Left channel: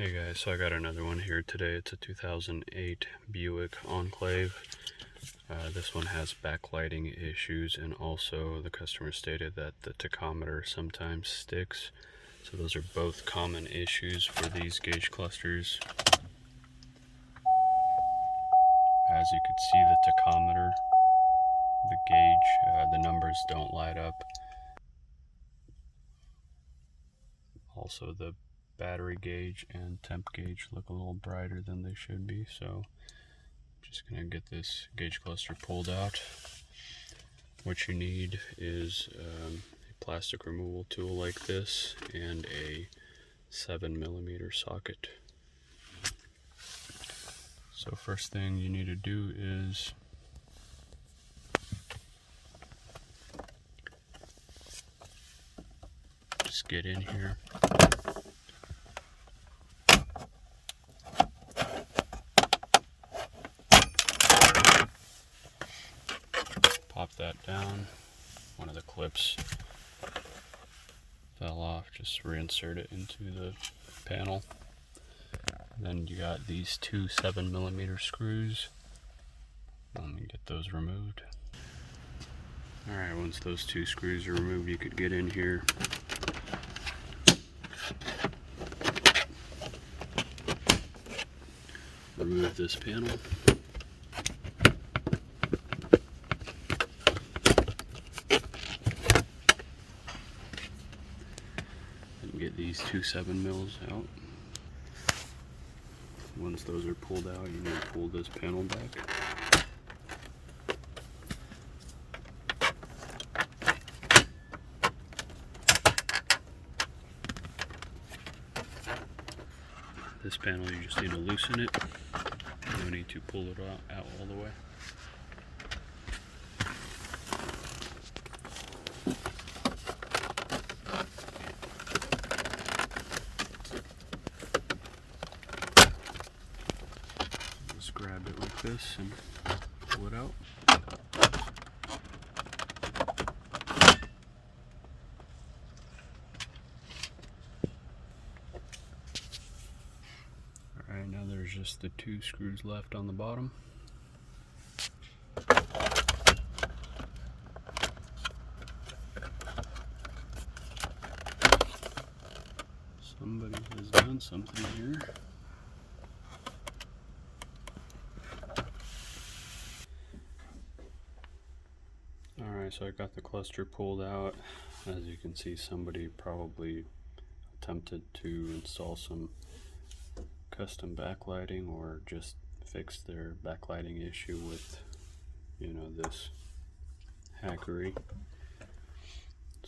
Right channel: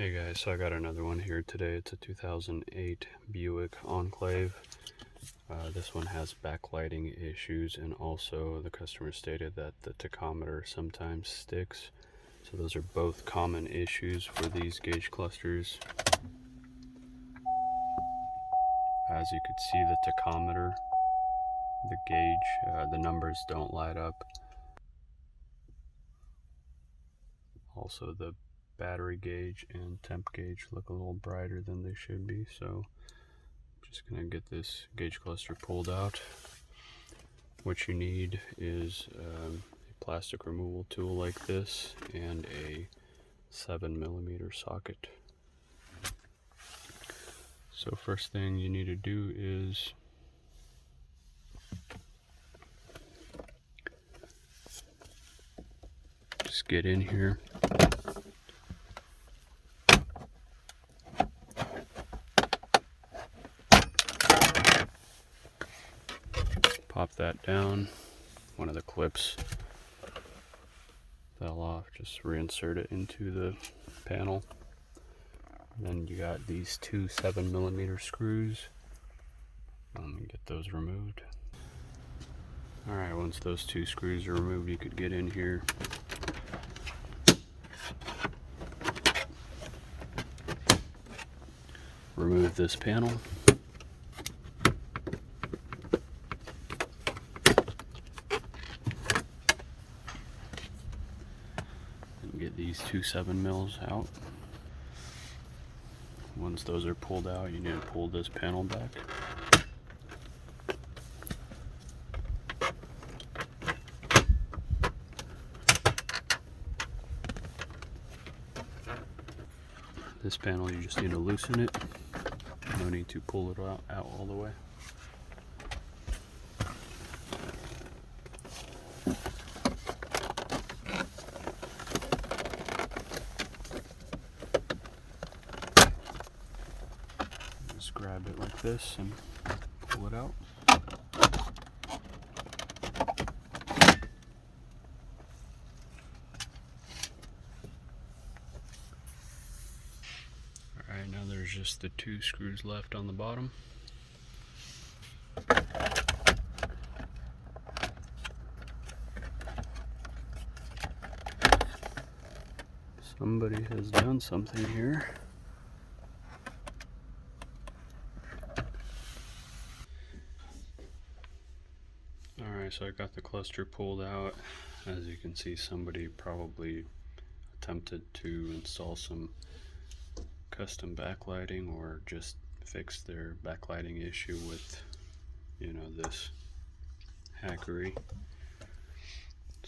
Hey guys, so I got another one here today. It's a 2008 Buick Enclave. This one has backlighting issues, and also the customer stated that the tachometer sometimes sticks. So those are both common issues for these gauge clusters. As you could see, the tachometer, the gauge, the numbers don't light up. Also the battery gauge and temp gauge look a little brighter than they should be, so just gonna get this gauge cluster pulled out. What you need is a plastic removal tool like this and a 7mm socket. So first thing you need to do is just get in here. Pop that down. One of the clips fell off. Just reinsert it into the panel. Then you got these two 7mm screws. Let me get those removed. Alright, once those two screws are removed, you could get in here. Remove this panel. Get these two 7mm out. Once those are pulled out, you need to pull this panel back. This panel, you just need to loosen it. No need to pull it out all the way. Grab it like this and pull it out. Alright, now there's just the two screws left on the bottom. Somebody has done something here. Alright, so I got the cluster pulled out. As you can see, somebody probably attempted to install some custom backlighting or just fix their backlighting issue with, this hackery.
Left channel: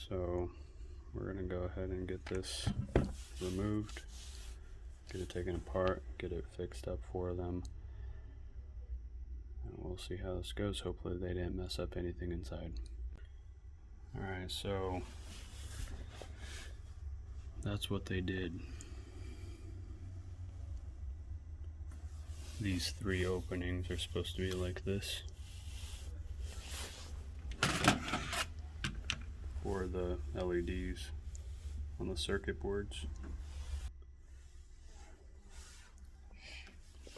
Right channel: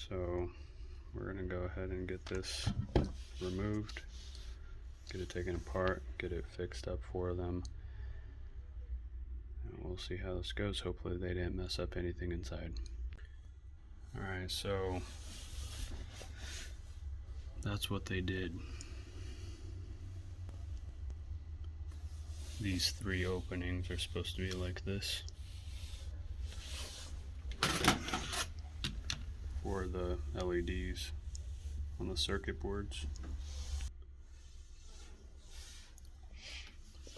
So we're gonna go ahead and get this removed, get it taken apart, get it fixed up for them. We'll see how this goes. Hopefully they didn't mess up anything inside. Alright, so that's what they did. These three openings are supposed to be like this for the LEDs on the circuit boards.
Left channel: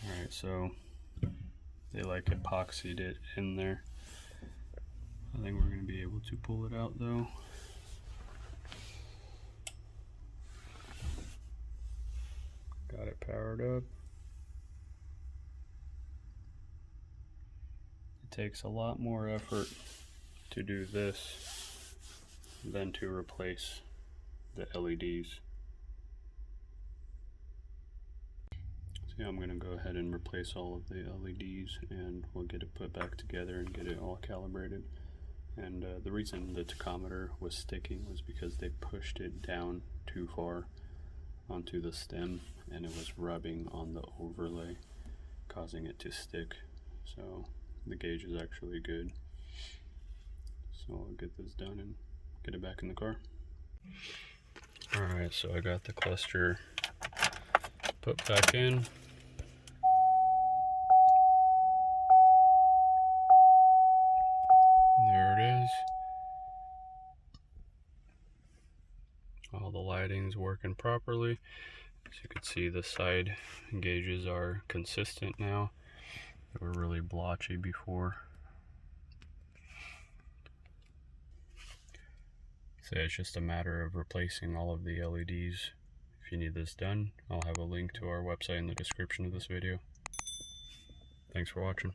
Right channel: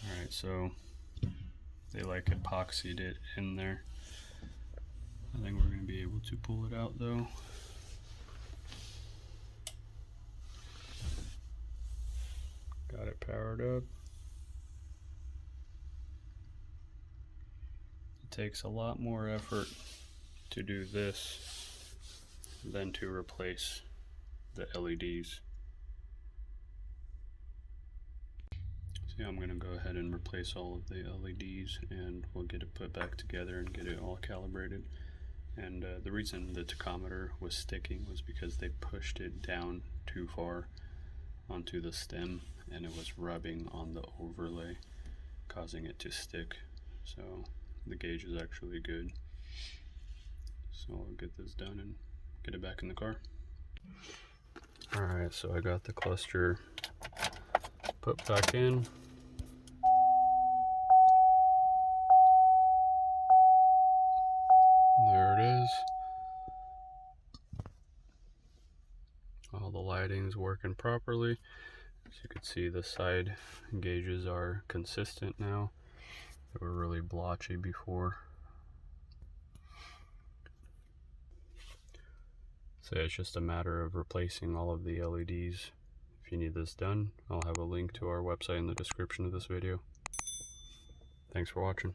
Alright, so they like epoxied it in there. I think we're going to be able to pull it out though. Got it powered up. It takes a lot more effort to do this than to replace the LEDs. So I'm going to go ahead and replace all of the LEDs, and we'll get it put back together and get it all calibrated. And the reason the tachometer was sticking was because they pushed it down too far onto the stem, and it was rubbing on the overlay, causing it to stick. So the gauge is actually good. So I'll get this done and get it back in the car. Alright, so I got the cluster put back in. There it is. All the lighting's working properly. As you can see, the side gauges are consistent now. They were really blotchy before. So it's just a matter of replacing all of the LEDs. If you need this done, I'll have a link to our website in the description of this video. Thanks for watching.